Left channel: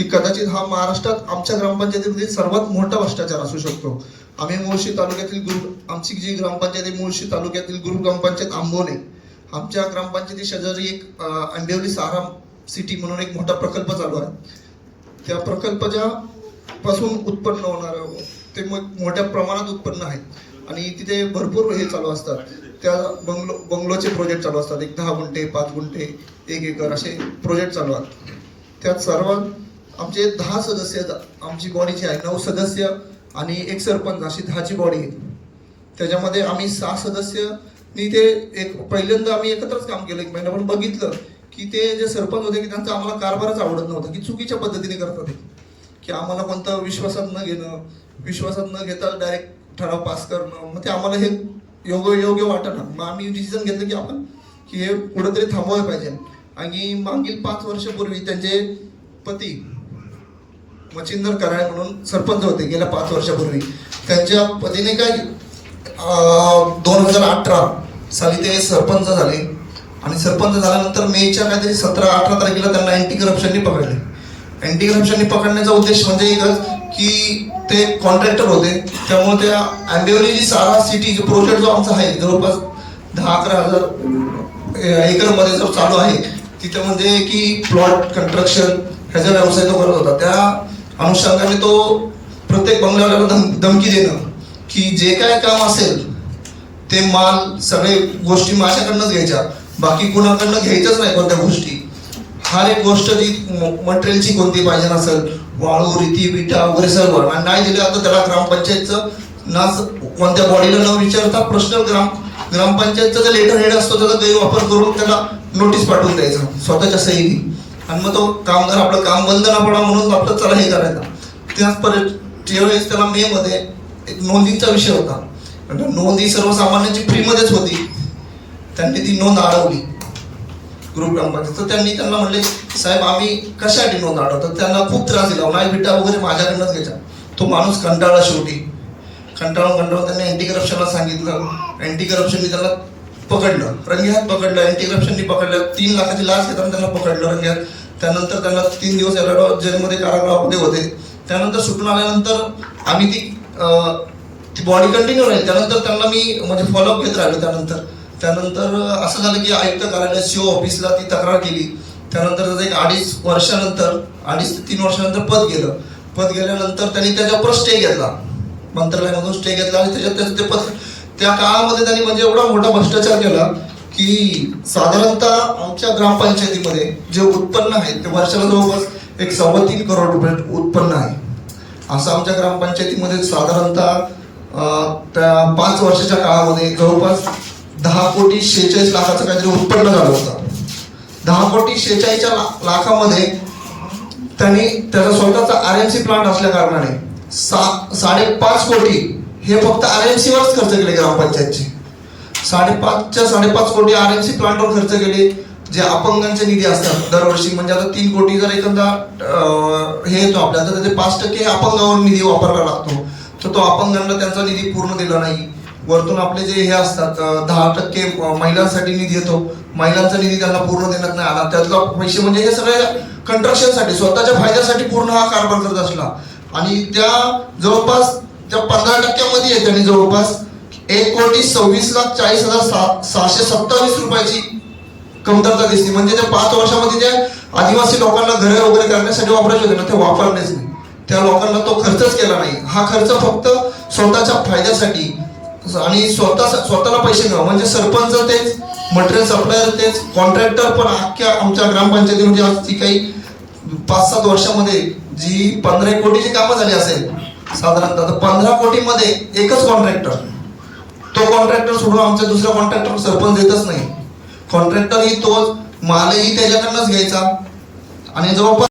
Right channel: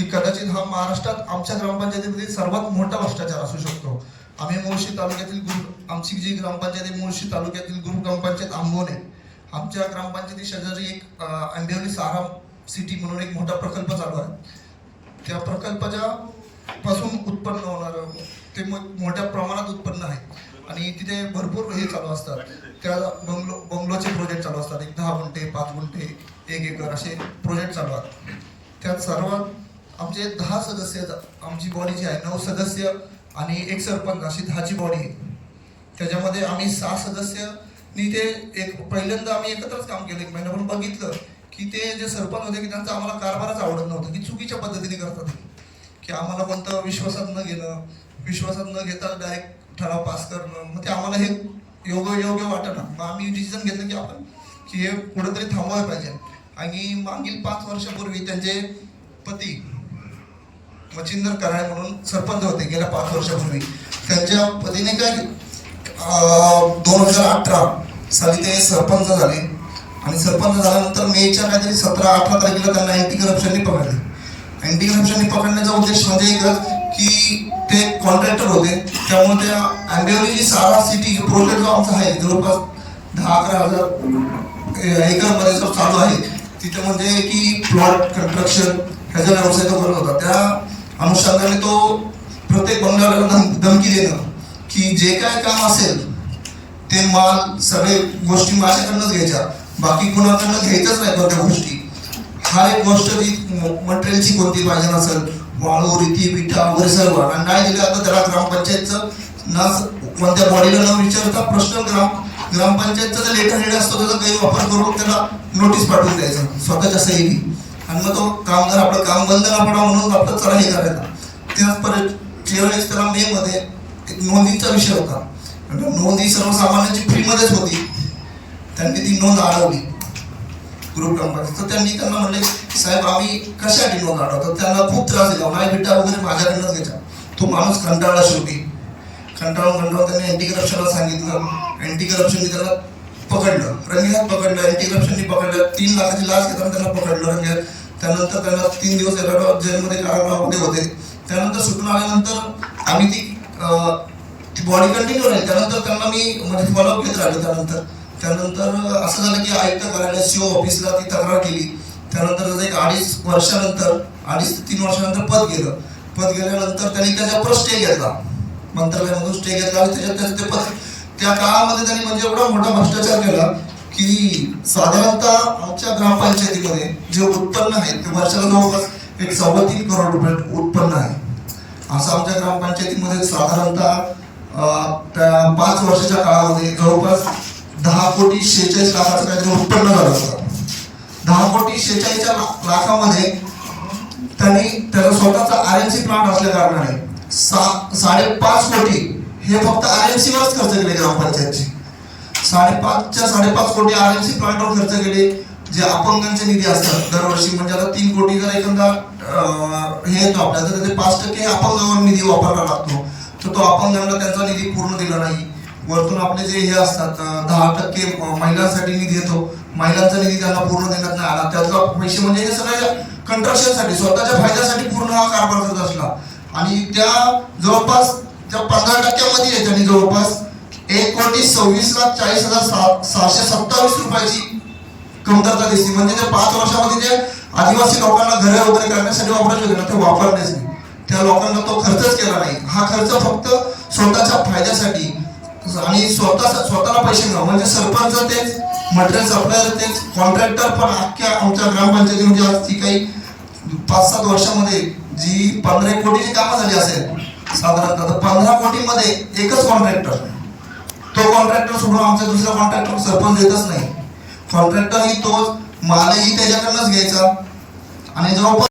की कदाचित हा महाराष्ट्रात आमच्या ग्रामपंचायतीमध्ये सर्वात मोठा भ्रष्टाचार असू शकतो. आम्ही मुळशी तालुक्यातील गुरु आमची जी ग्रामपंचायत आहे मुळशी तालुक्यातील गुरु ग्रामपंचायत आंबोने. आमच्या ग्रामपंचायती शेजारी एक अं, आंबिवली सारा सिटी म्हणून एक मोठा प्रकल्प चालू आहे. त्या प्रकल्पाच्या पासून उत्पन्न होणार ते मोठ्या प्रमाणात उत्पन्न आहे. आणि तिथे भरपूर हे चालू असतात. त्या बंगलो बंगलोचे प्रोजेक्ट चालू असतात. एक दहा गुंठे पाच गुंठे एक एकर असे प्रोजेक्ट चालू आहेत. त्यात सर्वात आमचे दहा सदस्य आमची बॉडी जी आहे नऊ सदस्य आणि एक सरपंच अशी दहाची बॉडी आहे. त्याच्यामध्ये आम्ही सहा सदस्यनी ते एक पहिल्यांदा आम्ही एकत्रच काम केलं एक महिना पण बघितलं की ते जे सरपंच होते की त्यांचा आम्हाला कारभारच आवडत नव्हता की चुकीच्या पद्धतीने करतात की आम्हाला कोणतं विश्वासात न घेणं विश्वासात न घेता डायरेक्ट ठराव पास करणं मग ते आम्हाला हे योग्य योग्य वाटणं मग आम्ही डिसिजन घेतलं की आपण की हे कुठंतरी थांबवायला पाहिजे. आणि मागील पाच वर्षापूर्वी त्यांचे पती मच्छिंदर कराळे म्हणून सरपंच होते गेल्या पाच वर्षापूर्वी. त्यांच्या पतीने काय दोन हजार अठरा साली ते सरपंच झाले. आणि सरपंच झाल्यानंतर मेच्या काहीतरी सतरा अठरा तारखेला त्यांना अँटी करप्शनने पकडले. अँटी करप्शनने पकडण्याचा उद्देश म्हणजे एकच की ते कॉन्ट्रॅक्टर होते. त्यामुळे त्या आंबेवली जी सारा सिटी प्रोजेक्ट जो आमचा आहे जवळपास दहा अकरा हजार एकरमध्ये जो चालू आहे तिथे म्हणजे की प्लॉट कन्स्ट्रक्शन ह्याचा व्यवसाय तो करत होता. त्या अनुषंगाने तो प्रत्येक बंगल्याला धम धमकी देणं की जे काय काम असेल ते माल सगळे गोष्टी माझ्याकडनंच घ्यायच्या. बाकी कुणाकडनं घ्यायच्याच नाही कोणत्या गोष्टी. हर एक गोष्ट जी मटेरियलची कोणती पाहिजे नसेल वाळू रीती पिठा वगैरे सर्व. आणि नाही दिलं आता त्याला ग्रामपंचायतचं ना कोणत्या बॉडीला न विचारता प्रश्न ग्राम ग्रामपंचायतचा जर लेटर हेड असतो त्याचा गैरवापर करून त्याला नोटीस पाठवून द्यायचं. स्वतःच्या सहीने. आणि मग तो कामगार आपलं काम बंद न पडा म्हणून आपलं चला हे करायचा त्याच परत ज्यावेळेस त्याला मे मध्ये एक नोंदीचा विषय होता. म्हणजे नोंदी सर्वसामान्यांची फ्रीमध्येच होती. त्यांनी ती नोंद अडवली ग्रुप ग्रामपंचायत तर त्यांनी त्यांना म्हणले साहेब आम्ही कशासाठी नोंद अडवतो त्यांना खूप त्रास दिला. माझ्या बिटा वगैरे माझ्याकडनंच घ्यायचा तो माणूस कंटाळा शेवटी. कंटाळून कंटाळून त्यांनी अँटी करप्शनला सांगितलं. अँटी करप्शनने त्याला पकडलं. रंगेहात पकडलं. अँटी करप्शनने पकडलं. तीन लाखाची लाच घेताना त्यांना पकडलं. रंगेहात त्यानंतर त्यांना तीन दिवस एलर्ट जेलमध्ये कारागृहामध्ये होते? त्यानंतर सुटून आल्यानंतर आम्ही ती ती बॉडी कंटिन्यू राहील. त्यानंतर त्यांना मी म्हणजे फॉलोअप घेत राहिलो त्यानंतर. त्यानंतर असं झालं की आयुक्त कार्यालय सीओ ऑफिसला ती तक्रार केली. त्यानंतर त्याचं एक अडीच वर्षानंतर अडीच ते तीन वर्षानंतर पद गेलं. पद गेल्यानंतर त्यांनी त्याच्यावर स्टे घेतला. मंत्रालयामधून स्टे घेतला आणि त्याच्यात त्याचं ते पद त्या काळामध्ये त्यांनी म्हणजे एवढा मोठा भ्रष्टाचार केला की साधारणतः आमच्या ग्रामपंचायतीमध्ये जे उत्पन्न आहे ते वर्षाला जवळपास एक सव्वा तीन करोड रुपये उत्पन्न आहे. असं आमच्या ग्रामपंचायतीमध्ये साधारणतः त्या पाच वर्षाच्या काळामध्ये जवळपास दहा कोटी शेहेचाळीस लाखाचं काहीतरी उत्पन्न झालं होतं. दहा कोटी शेहेचाळीसच्या लाखामध्ये त्यांनी त्याचा स्वतःचा आर एम सी प्लांट असल्या कारणाने सा साडेपाच कोटी हे फक्त आर एम सीवरच खर्च केले ग्रामपंचायतचे. साडेपाचच्या साडेपाच कोटी आर एम सी प्लांटवर खर्च केले जे अपंगांचे निधी असतात. दरवर्षी म्हणजे आता तीन कोटी जर एखादा हे येतो आपल्या तर त्याचे पाच टक्के अपंगावर निधी वापरला लागतो. तर तो अपंगांना त्यांचा निधी पूर्ण दिला नाही. वरतून आपले जे हे असतात दहा टक्के महिलांसाठी निधी येतो. महिलांचा निधी त्यांना पूर्ण देण्यात नाही आला. त्यातला पैसे म्हणजे हे सगळ्या कंट्रक्शनसाठी स्वतःच्या फायद्यासाठी पूर्ण हा कारभार करत असला. आणि त्या जवळपास त्या पंधरा टक्क्यामध्ये आहे त्यांनी जवळपास एक कोटी सव्वीस लाख चाळीस हजार सहाशे सत्तावीस रुपयाची कमतरता दिसते म्हणजे त्या पाच वर्षामध्ये जे आदिवासी लोकांना घरे वगैरे करण्यासाठी वापरायला होते ते वापरलेच नाही. त्या लोकांना तो खर्चच केला नाही. हा खर्च फक्त स्वतःच्या फायद्यासाठी आणि स्वतः स्वतःला पैसे मिळवा म्हणजे सरपंच तेच मटेरियल सप्लायर तेच कॉन्ट्रॅक्टर पण अख्ख्या आमच्या ग्रामपंचायतीमध्ये म्हणजे आज ती काही पाच सात वर्षामध्ये जी पंधरा एक कोटीची कामं झाली असेल साधारणतः पंधरा कोटीमध्ये एकच कॉन्ट्रॅक्टर तो कॉन्ट्रॅक्टर सोडून आमच्या दुसरा कॉन्ट्रॅक्टर सरपंच देतच नाही. कॉन्ट्रॅक्टर ही तोच मालही त्याच्याकडनंच घ्यायचा. आणि जवळपास